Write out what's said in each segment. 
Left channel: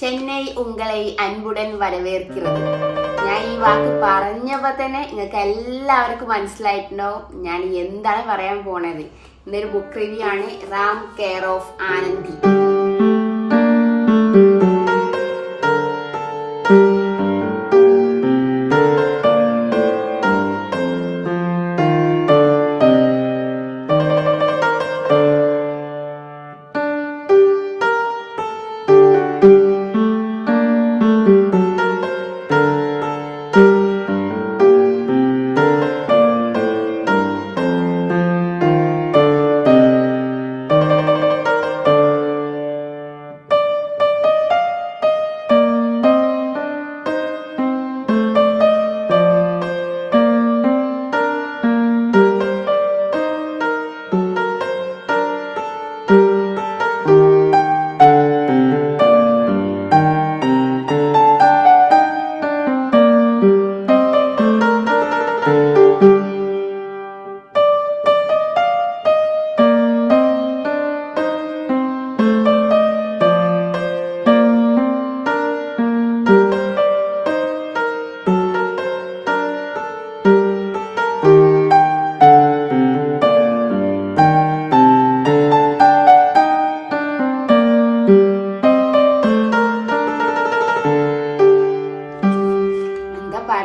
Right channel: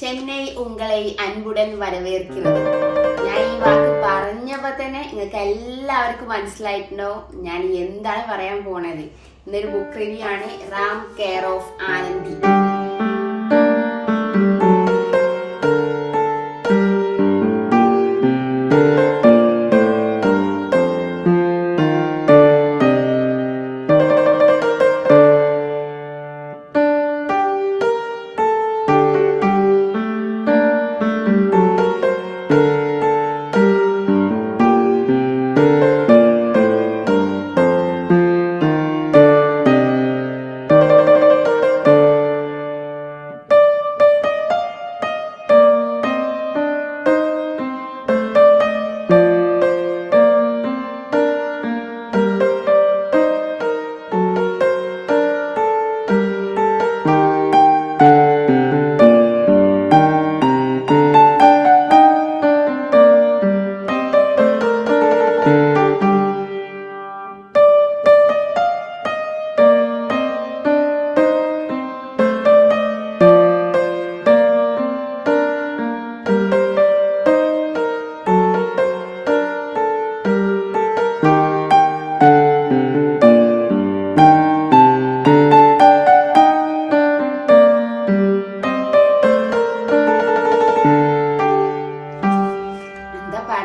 ചെന്നൈ ഉങ്ങളെ അൻപുടൻ വരവേർക്കുന്നത് ഞാൻ ഈ വാക്ക് പറഞ്ഞപ്പോ തന്നെ നിങ്ങൾക്ക് എല്ലാവർക്കും മനസ്സിലായിട്ടുണ്ടോ? ഞാൻ എന്താണ് പറയാൻ പോണത്? ഇന്നൊരു ബുക്ക് റിവ്യൂ ആണ്. Ram care of Anandi.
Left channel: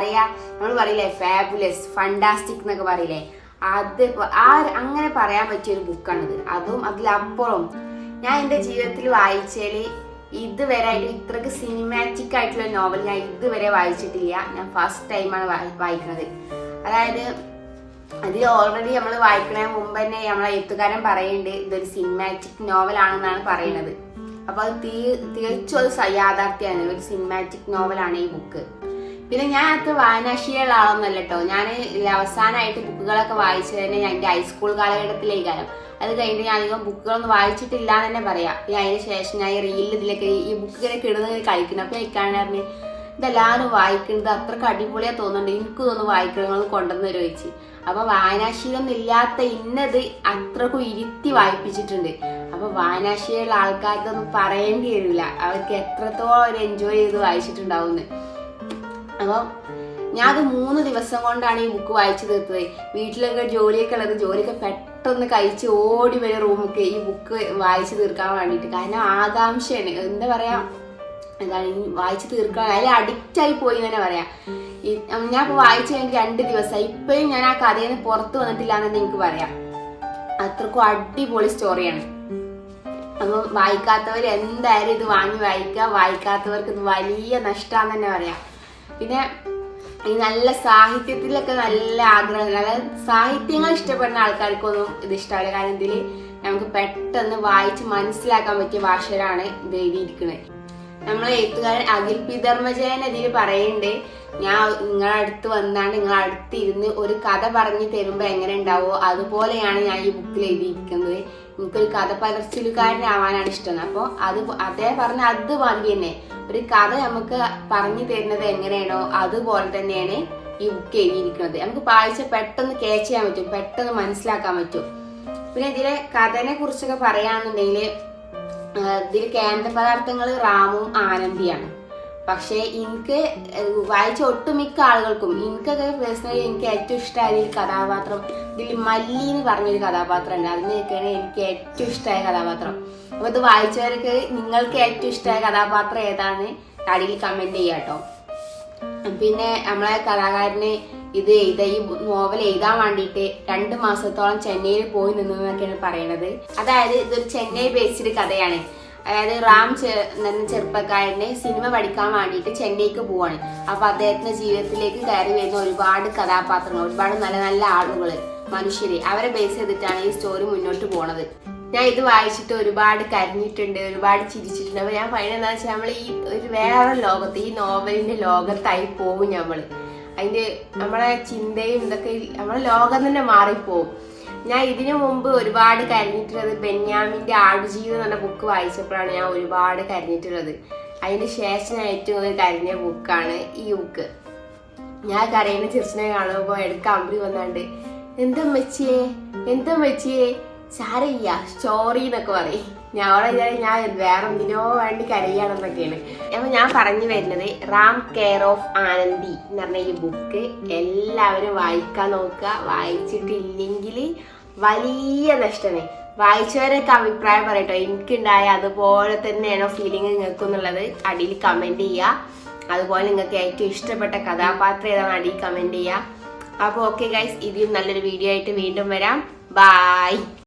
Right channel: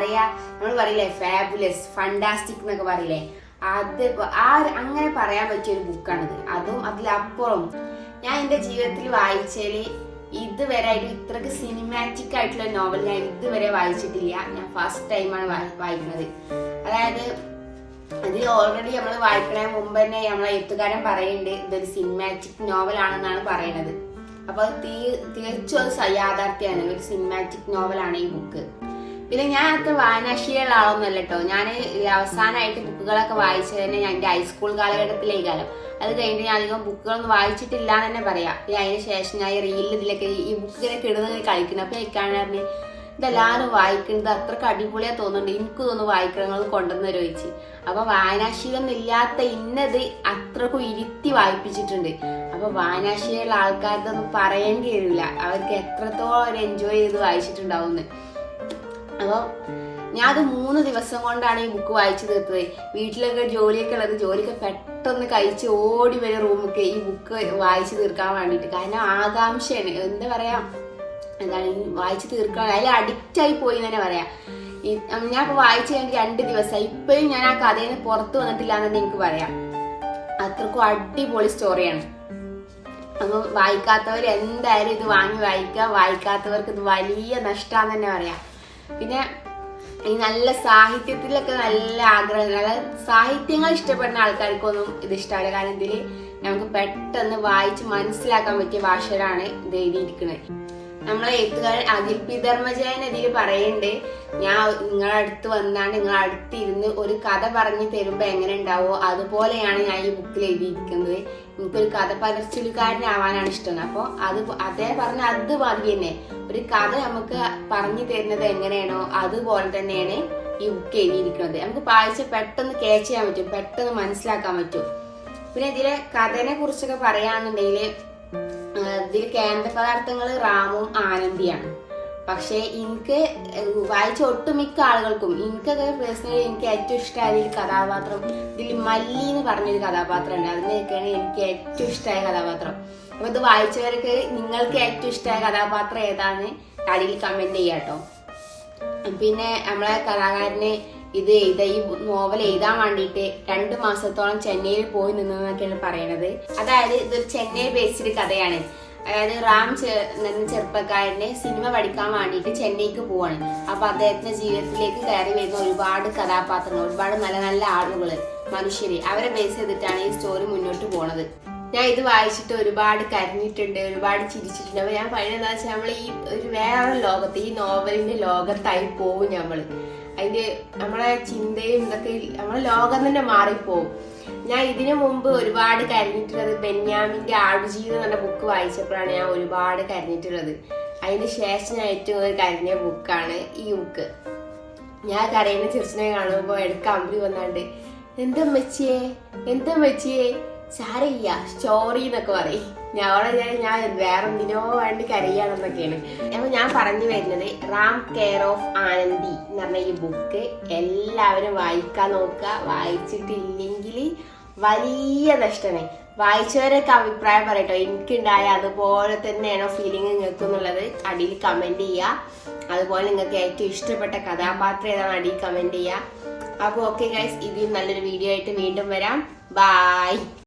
പറയാ നമ്മൾ പറയില്ലേ ഫാബുലസ് ഫണ്ടാസ്റ്റിക് എന്നൊക്കെ പറയില്ലേ. അത് ആ അങ്ങനെ പറയാൻ പറ്റിയ ഒരു ബുക്കാണിത് അതും അതിലപ്പുറം. ഞാൻ എന്റെ ജീവിതത്തിൽ വായിച്ചതിൽ ഇതുവരെ ആയിട്ട് ഇത്രക്ക് സിനിമാറ്റിക് ആയിട്ടുള്ള നോവൽ ഞാൻ ഇതുവരെ വായിച്ചിട്ടില്ല. ഞാൻ ഫസ്റ്റ് ടൈമാണ് വായിക്കുന്നത് അതായത് അതിൽ ഓൾറെഡി നമ്മൾ വായിക്കണ മുമ്പ് തന്നെ നമ്മളെ എഴുത്തുകാരൻ പറയുന്നുണ്ട് ഇതൊരു സിനിമാറ്റിക് നോവലാണെന്നാണ് പറയുന്നത് അപ്പൊ അത് തീ തികച്ചും അത് യാഥാർത്ഥ്യമാണ് ഒരു സിനിമാറ്റിക് നോവലാണ് ഈ ബുക്ക് പിന്നെ ഞാൻ അത്ര വായനാശീലമുള്ള ആളൊന്നുമല്ല കേട്ടോ ഞാൻ അവസാനമായിട്ട് ബുക്കുകളൊക്കെ വായിച്ചത് തന്നെ ഞാൻ എന്റെ ഹൈസ്കൂൾ കാലഘട്ടത്തിലേ കാലം. അത് കഴിഞ്ഞിട്ട് ഞാൻ അധികം ബുക്കുകളൊന്നും വായിച്ചിട്ടില്ല എന്ന് തന്നെ പറയാം. പിന്നെ അതിന് ശേഷം ഞാൻ ഈ റീലിൽ ഇതിലൊക്കെ ഈ ബുക്ക് ഇങ്ങനെ കിടന്ന് കളിക്കുന്നു. അപ്പൊ എനിക്കാണ് പറഞ്ഞ് ഇതെല്ലാവരും വായിക്കുന്നത് അത്രയ്ക്ക് അടിപൊളിയാ തോന്നുന്നുണ്ട്. എനിക്ക് തോന്നുന്നു വായിക്കണങ്ങൾ കൊണ്ടുവന്ന് ചോദിച്ചു അപ്പൊ വായനാശീലം ഇല്ലാത്ത ഇന്നത് അത്രക്കും ഇരുത്തി വായിപ്പിച്ചിട്ടുണ്ട്. അപ്പൊ വായനാശീലമുള്ള ആൾക്കാർക്കൊന്നും പറയേണ്ടി വരില്ല. അവർക്ക് എത്രത്തോളം അവർ എൻജോയ് ചെയ്ത് വായിച്ചിട്ടുണ്ടാവുമെന്ന്. അപ്പം ഞാൻ അത് മൂന്ന് ദിവസം കൊണ്ടാണ് ഈ ബുക്ക് വായിച്ചു തീർത്തത്. വീട്ടിലൊക്കെ ജോലിയൊക്കെ ഉള്ളത് ജോലിയൊക്കെ പെട്ടെന്ന് കഴിച്ച് ഓടി വരും റൂമൊക്കെ ഈ ബുക്ക് വായിച്ചു തീർക്കാൻ വേണ്ടിയിട്ട്. കാരണം ആകാംക്ഷയാണ്. എന്താ പറയാ? എന്താണ്? വായിച്ചു തീർക്കാൻ അതിൽ അഡിക്റ്റ് ആയി പോയി തന്നെ പറയാം. ഞാൻ ഇപ്പൊ വായിച്ചു കഴിഞ്ഞിട്ട് രണ്ട് ദിവസമായി. ഇപ്പോഴും ഞാൻ ആ കഥയിൽ നിന്ന് പുറത്തു വന്നിട്ടില്ല എന്ന് എനിക്ക് പറയാം. അത്രക്കും അടിപൊളി സ്റ്റോറിയാണ് അപ്പം വായിക്കാത്തവർ എന്തായാലും ഇത് വാങ്ങി വായിക്കുക. വായിക്കാത്തവർക്ക് ഇത് വലിയ നഷ്ടമാണെന്ന് തന്നെ പറയാം. പിന്നെ ഈ നല്ല സാഹിത്യത്തിലൊക്കെ നല്ല ആഗ്രഹം അതായത് സാഹിത്യങ്ങൾ ഇഷ്ടപ്പെടുന്ന ആൾക്കാർക്കൊന്നും ഇത് ഇഷ്ടമല്ല കാരണം ഇതിൽ നമുക്ക് പെട്ടെന്ന് വായിച്ച് മനസ്സിലാക്കാൻ പറ്റിയ ഭാഷയിലാണ് ഇത് എഴുതിയിരിക്കുന്നത് നമ്മളെ എഴുത്തുകാരൻ അഖിൽ പി ധർമ്മജയൻ ഇതിൽ പറയുന്നുണ്ട് ഞാൻ നിങ്ങളുടെ അടുത്ത് വന്നാണ് നിങ്ങളെ അടുത്ത് ഇരുന്ന് ഒരു കഥ പറഞ്ഞു തരുമ്പോൾ എങ്ങനെ ഉണ്ടാവോ അതുപോലെയാണ് ഞാൻ ഈ ബുക്കിൽ എഴുതിയിരിക്കുന്നത്. എനിക്കൊരു കഥ പകർച്ചലുകാരനാവാനാണ് ഇഷ്ടം. അപ്പോൾ അത് അദ്ദേഹം പറഞ്ഞ അത് മതി തന്നെ ഒരു കഥ നമുക്ക് പറഞ്ഞു തരുന്നത് എങ്ങനെയാണോ അതുപോലെ തന്നെയാണ് ഈ ബുക്ക് എഴുതിയിരിക്കുന്നത്. നമുക്ക് വായിച്ച പെട്ടെന്ന് ക്യാച്ച് ചെയ്യാൻ പറ്റും പെട്ടെന്ന് മനസ്സിലാക്കാൻ പറ്റും. പിന്നെ ഇതിലെ കഥനെ കുറിച്ചൊക്കെ പറയുകയാണെന്നുണ്ടെങ്കിൽ ഇതിൽ കേന്ദ്ര പദാർത്ഥങ്ങൾ റാമും ആനന്ദിയാണ്. പക്ഷേ എനിക്ക് വായിച്ച ഒട്ടുമിക്ക ആളുകൾക്കും എനിക്കൊക്കെ പേഴ്സണലി എനിക്ക് ഏറ്റവും ഇഷ്ടമായ ഒരു കഥാപാത്രം ഇതിൽ മല്ലി എന്ന് പറഞ്ഞൊരു കഥാപാത്രം ഉണ്ട് അതിനൊക്കെയാണ് എനിക്ക് ഏറ്റവും ഇഷ്ടമായ കഥാപാത്രം. അപ്പൊ ഇത് വായിച്ചവർക്ക് നിങ്ങൾക്ക് ഏറ്റവും ഇഷ്ടമായ കഥാപാത്രം ഏതാണ്? അടിയിൽ കമന്റ് ചെയ്യാട്ടോ. പിന്നെ നമ്മളെ കലാകാരന് ഇത് എഴുത ഈ നോവൽ എഴുതാൻ വേണ്ടിയിട്ട് രണ്ട് മാസത്തോളം ചെന്നൈയിൽ പോയി നിന്നതെന്നൊക്കെയാണ് പറയണത്. അതായത് ഇതൊരു ചെന്നൈ ബേസ്ഡ് കഥയാണ്. അതായത് റാം എന്ന ചെറുപ്പക്കാരനെ സിനിമ പഠിക്കാൻ വേണ്ടിയിട്ട് ചെന്നൈക്ക് പോവാണ്. അപ്പൊ അദ്ദേഹത്തിന്റെ ജീവിതത്തിലേക്ക് കയറി വരുന്ന ഒരുപാട് കഥാപാത്രങ്ങൾ ഒരുപാട് നല്ല നല്ല ആളുകൾ. മനുഷ്യര്. അവരെ ബേസ് ചെയ്തിട്ടാണ് ഈ സ്റ്റോറി മുന്നോട്ട് പോണത്. ഞാൻ ഇത് വായിച്ചിട്ട് ഒരുപാട് കരഞ്ഞിട്ടുണ്ട് ഒരുപാട് ചിരിച്ചിട്ടുണ്ട്. അപ്പൊ ഞാൻ പറയുന്നത് എന്താ വെച്ചാൽ നമ്മൾ ഈ ഒരു വേറെ ലോകത്ത് ഈ നോവലിന്റെ ലോകത്തായി പോകും നമ്മൾ അതിന്റെ നമ്മളെ ചിന്തയും ഇതൊക്കെ നമ്മളെ ലോകം തന്നെ മാറിപ്പോവും. ഞാൻ ഇതിനു മുമ്പ് ഒരുപാട് കരഞ്ഞിട്ടുള്ളത് ബെന്യാമിന്റെ ആടുജീവിതം എന്ന ബുക്ക് വായിച്ചപ്പോഴാണ് ഞാൻ ഒരുപാട് കരഞ്ഞിട്ടുള്ളത്. അതിന് ശേഷം ഞാൻ ഏറ്റവും കൂടുതൽ കരഞ്ഞ ബുക്കാണ് ഈ ബുക്ക് ഞാൻ കരയുന്ന ചിരിച്ചിനെ കാണുമ്പോൾ ഇടയ്ക്ക് അമ്പി വന്നാണ്ട് എന്താ മച്ചിയെ എന്താ മച്ചിയെ ചാരയ്യ സ്റ്റോറി എന്നൊക്കെ പറയും. ഞാൻ വിചാരിച്ചു ഞാൻ വേറെ എന്തിനോ വേണ്ടി കരയാണെന്നൊക്കെയാണ് അപ്പൊ ഞാൻ പറഞ്ഞു വരുന്നത് റാം കെയർ ഓഫ് ആനന്ദി എന്ന് പറഞ്ഞ ഈ ബുക്ക് എല്ലാവരും വായിക്കാൻ നോക്കുക. വായിച്ചിട്ടില്ലെങ്കിൽ വലിയ നഷ്ടമേ. വായിച്ചവരൊക്കെ അഭിപ്രായം പറയട്ടോ എനിക്കുണ്ടായ അതുപോലെ തന്നെയാണോ ഫീലിംഗ് നിങ്ങൾക്ക് എന്നുള്ളത് അടിയിൽ കമന്റ് ചെയ്യുക. അതുപോലെ നിങ്ങൾക്ക് ഏറ്റവും ഇഷ്ടപ്പെട്ട കഥാപാത്രം ഏതാണ്? അടിയിൽ കമന്റ് ചെയ്യുക. അപ്പോൾ ഓക്കെ ഗൈസ് ഇതിൽ നല്ലൊരു വീഡിയോ ആയിട്ട് വീണ്ടും വരാം. ബായ്